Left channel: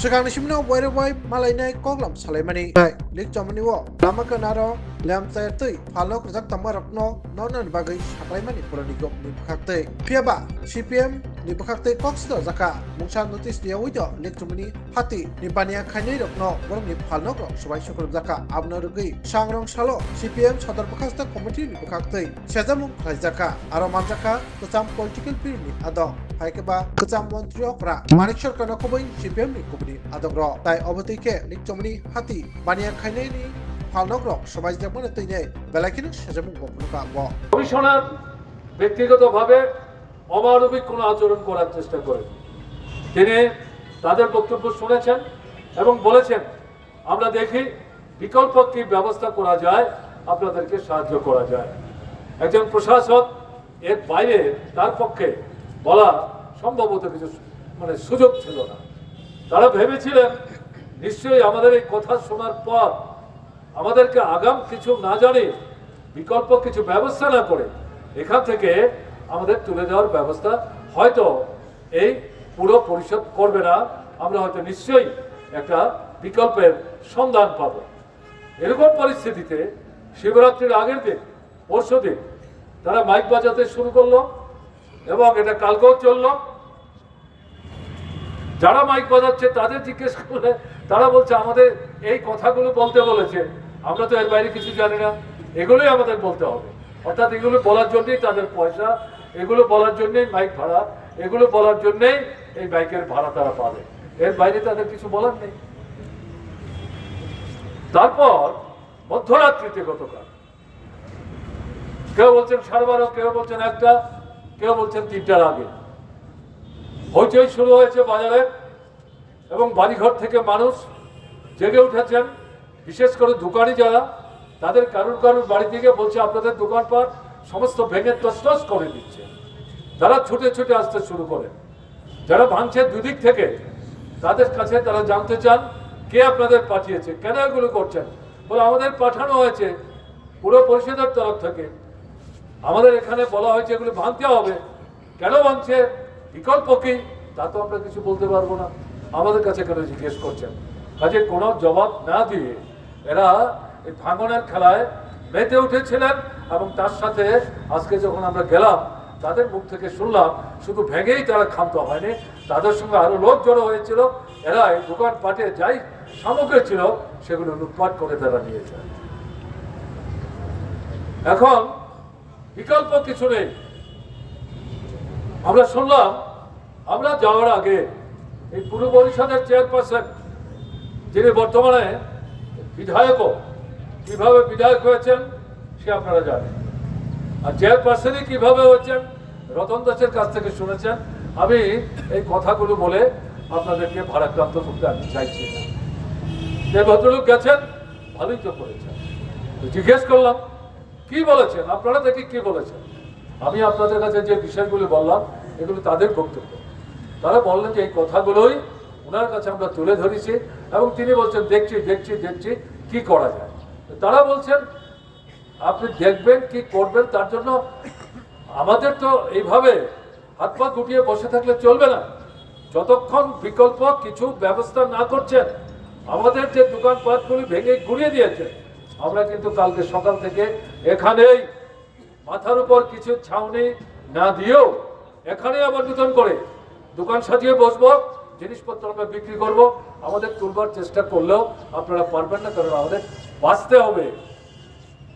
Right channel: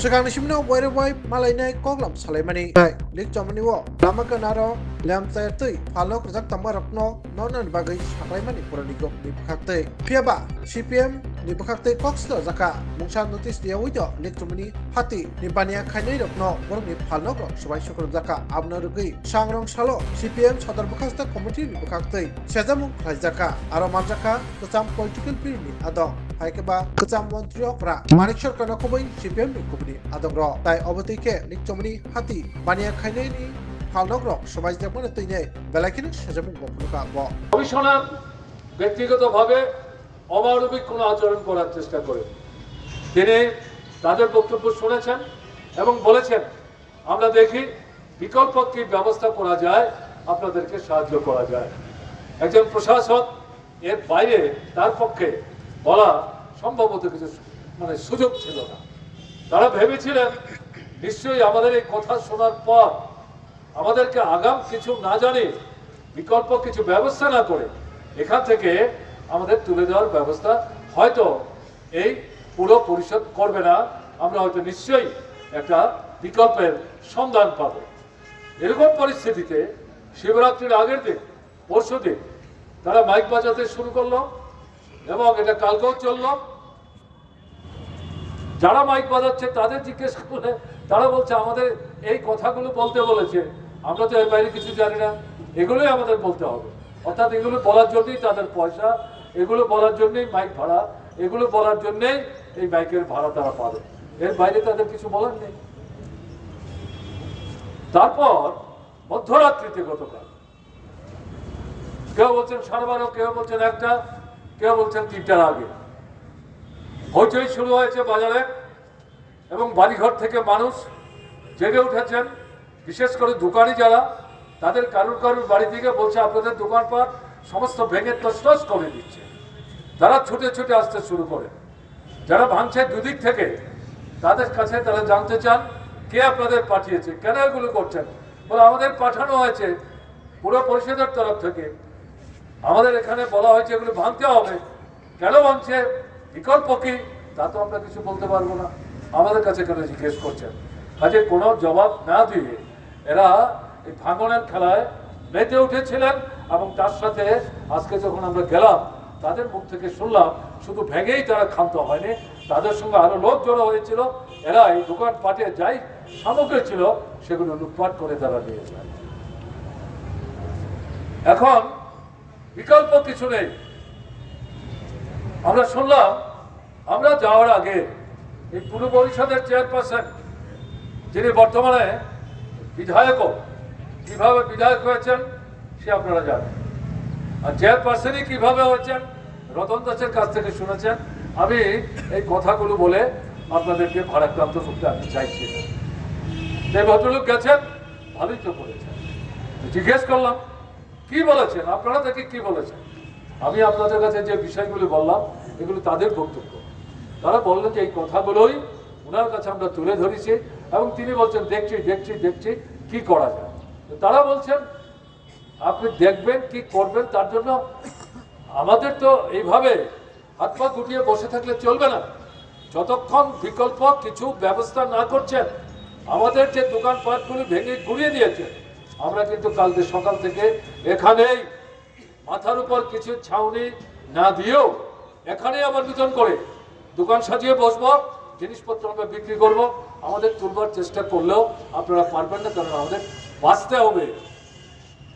Sekarang simna wai malai nai koklam salai mani lik jamani wo lama ke naro lam saya tui falok rejak tambah rakno nonan bagai saklai mani purani gop ni bekakte piaba CPM ni bekakte koksdo zaka mungsa notis dia wujo lik jamani hati ni bania khainai rakno borok ni falnok rok sabai sokrom zaka abno rugi sangrong salo CPM sadar bekakte committee ni bekakte sejamung khlai zaka aro manjaka kecam political bureau ni adong haikeba kecam mantri okra manik sarkar nakobai CPM ni kubni adong ro tai obotike lik jamani hati bania khainai ni falnok rok সবাই যেমন তৈনে বেলাকিন সেজমুক বপলকা ব commissioner ব্যক্তিগতভাবে অমানবিক কোনো আচরণ করার চেষ্টা করেন। তিনি তাদের বক্তব্য শুনেছেন এবং বলেছেন আমরা দেখি বিকল্প কি ব্যবস্থা করা যায়, আপনাদেরকে সাহায্য করা যায়। একজন প্রশাসক এর বাইরে তার পক্ষে বলা সম্ভবত কিছু সুযোগ ছিল না। তারা ভেবেছিলেন নিশ্চয়ই আমাদের এই কথা শোনার পর আমাদেরকে আগাম কিছু না জানি বিকল্প কিছু ব্যবস্থা না করে এখান থেকে আমাদের তুলে দেওয়ার ব্যবস্থা হয়তো এই পুরো পরিষদ করবে না, আমরা হয়তো নিশ্চয়ই একটা বিকল্পের সন্ধান পাব। এরকম পরিস্থিতিতে শিবরাত্রির আগের দিন পরশুদিন তারা মাইক বাজাতে শুরু করলো এবং এটা কালকেও চললো। যারা মাইক বাজাচ্ছে তাদের জিজ্ঞেস করলে তারা বলছে আমাদের এই কথাগুলো বলতে বলেছে, আমরা তো এর বাইরে কিছু জানি না, এগুলোই আমাদের বলতে হবে। অর্থাৎ এগুলো বলার জন্যই তাদের পয়সা, এগুলো বলার জন্যই মাইক ভাড়া, এগুলো বলার জন্যই এই মাইকের ভাড়া তারা পাবে, এর বাইরে তাদের কিছু বলার নেই। তারপর মধ্যরাত্রিতে গতকাল কেউ বলছেন 12:30, কেউ বলছেন 1টা, কেউ বলছেন 3টার আগে হইচই শুরু হয়েছে বাজারে এবং বাড়িঘর থেকে মানুষ জেগে উঠেছেন। বিশেষ করে দোকানি যারা, তাদের কারুর বাড়ি থেকে বলছে আপনাদের দোকানপাট সমস্ত ভেঙে তছনছ করে দিচ্ছে। তারা ছুটে ছুটে আসতে শুরু করে। যারা ভাঙছে দুদিক থেকে, তাদের কাছে তারা জানতে চান কে আপনাদের পাঠিয়েছে, কেন এগুলো করছেন। বলে আমাদের পাঠানো হয়েছে পুরো পরিষদের তরফ থেকে, আমাদের এখানে বলা হয়েছে এগুলো ভাঙতে হবে। কেন ভাঙছে, বিকল্প কি, তা তো আমরা কিছু বলতে পারবো না, আমাদের কাছে কেন জিজ্ঞেস করছেন। কাজে কোনো জবাব না দিয়ে এরা এই ভাঙনের খেলায় মেতে উঠেছিলেন এবং তার সাথে আজকে যখন আমরা গেলাম তাদের মুখ থেকে শুনলাম শুধু ভেঙেই তারা ক্ষান্ত হয়নি, তাদের সঙ্গে আরো লোক জড়ো হয়েছিল। এরা এই দোকানপাটে যাই সামগ্রী ছিল সেগুলো লুটপাট করে তারা নিয়েছে। এখন বিকল্প কিছু নেই। আমরা শুনলাম আমরা যাওয়ার আগে এই পুরো পরিষদের চেয়ারপারসন, যিনি বর্তমানে বিধায়কও, কিভাবে বিধায়ক হয়েছেন সে আপনারা জানেন, আর চেয়ারপারসনই কিভাবে হয়েছেন রতন দাসের কাছ থেকে শুনেছেন। আমি এই কথাগুলো বলে আপনাদেরকে ভারাক্রান্ত করতে আমি চাইছি। যে ভদ্রলোক গেছেন ভালোই তো করেছেন। জিজ্ঞেস করলাম কি বলেছেন, আপনারা দেখি কি বলেছেন। আমি আপনাদের কাছে যে বিষয়গুলো বললাম এগুলো তাদের বক্তব্য। তারা বললেন যে এই কথাগুলোই ওনার কাছে আমরা তুলে ধরেছি এবং তিনি বলছেন দেখছি দেখছি দেখছি কি করা যায়। তারা বলছেন আপনি দেখবেন কি করবেন, তার জন্য আমাদের তো এইভাবে হাত পা গুটিয়ে বসে থাকলে চলবে না। যতক্ষণ বিকল্প কিছু ব্যবস্থা না করছেন, আমাদের যে দোকানপাটগুলি ভেঙে গুড়িয়ে দিয়েছে, আমরা কিন্তু কালকে সকাল থেকে এখানেই মাথার উপর কিছু ছাউনি না দিয়েও এখানে আবার নতুন করে দোকান সাজিয়ে বসবো, জিনিসপত্র আমরা বিক্রি করবো। আমাদের তুলবার চেষ্টা করলেও আপনারা পারবেন না, কারণ আমাদের বাঁচতে হবে।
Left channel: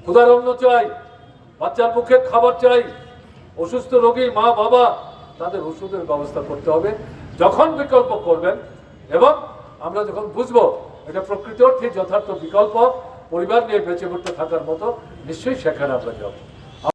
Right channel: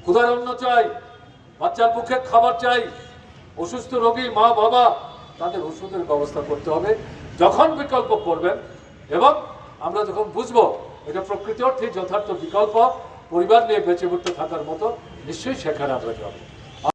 ক্ষুধার অন্ন চাই, বাচ্চার মুখে খাবার চাই, অসুস্থ রোগী মা বাবা তাদের ওষুধের ব্যবস্থা করতে হবে। যখন বিকল্প করবেন এবং আমরা যখন বুঝবো এটা প্রকৃত অর্থে যথার্থ বিকল্প, পরিবার নিয়ে বেঁচে উঠতে থাকার মতো, নিশ্চয়ই সেখানে আমরা যাবো।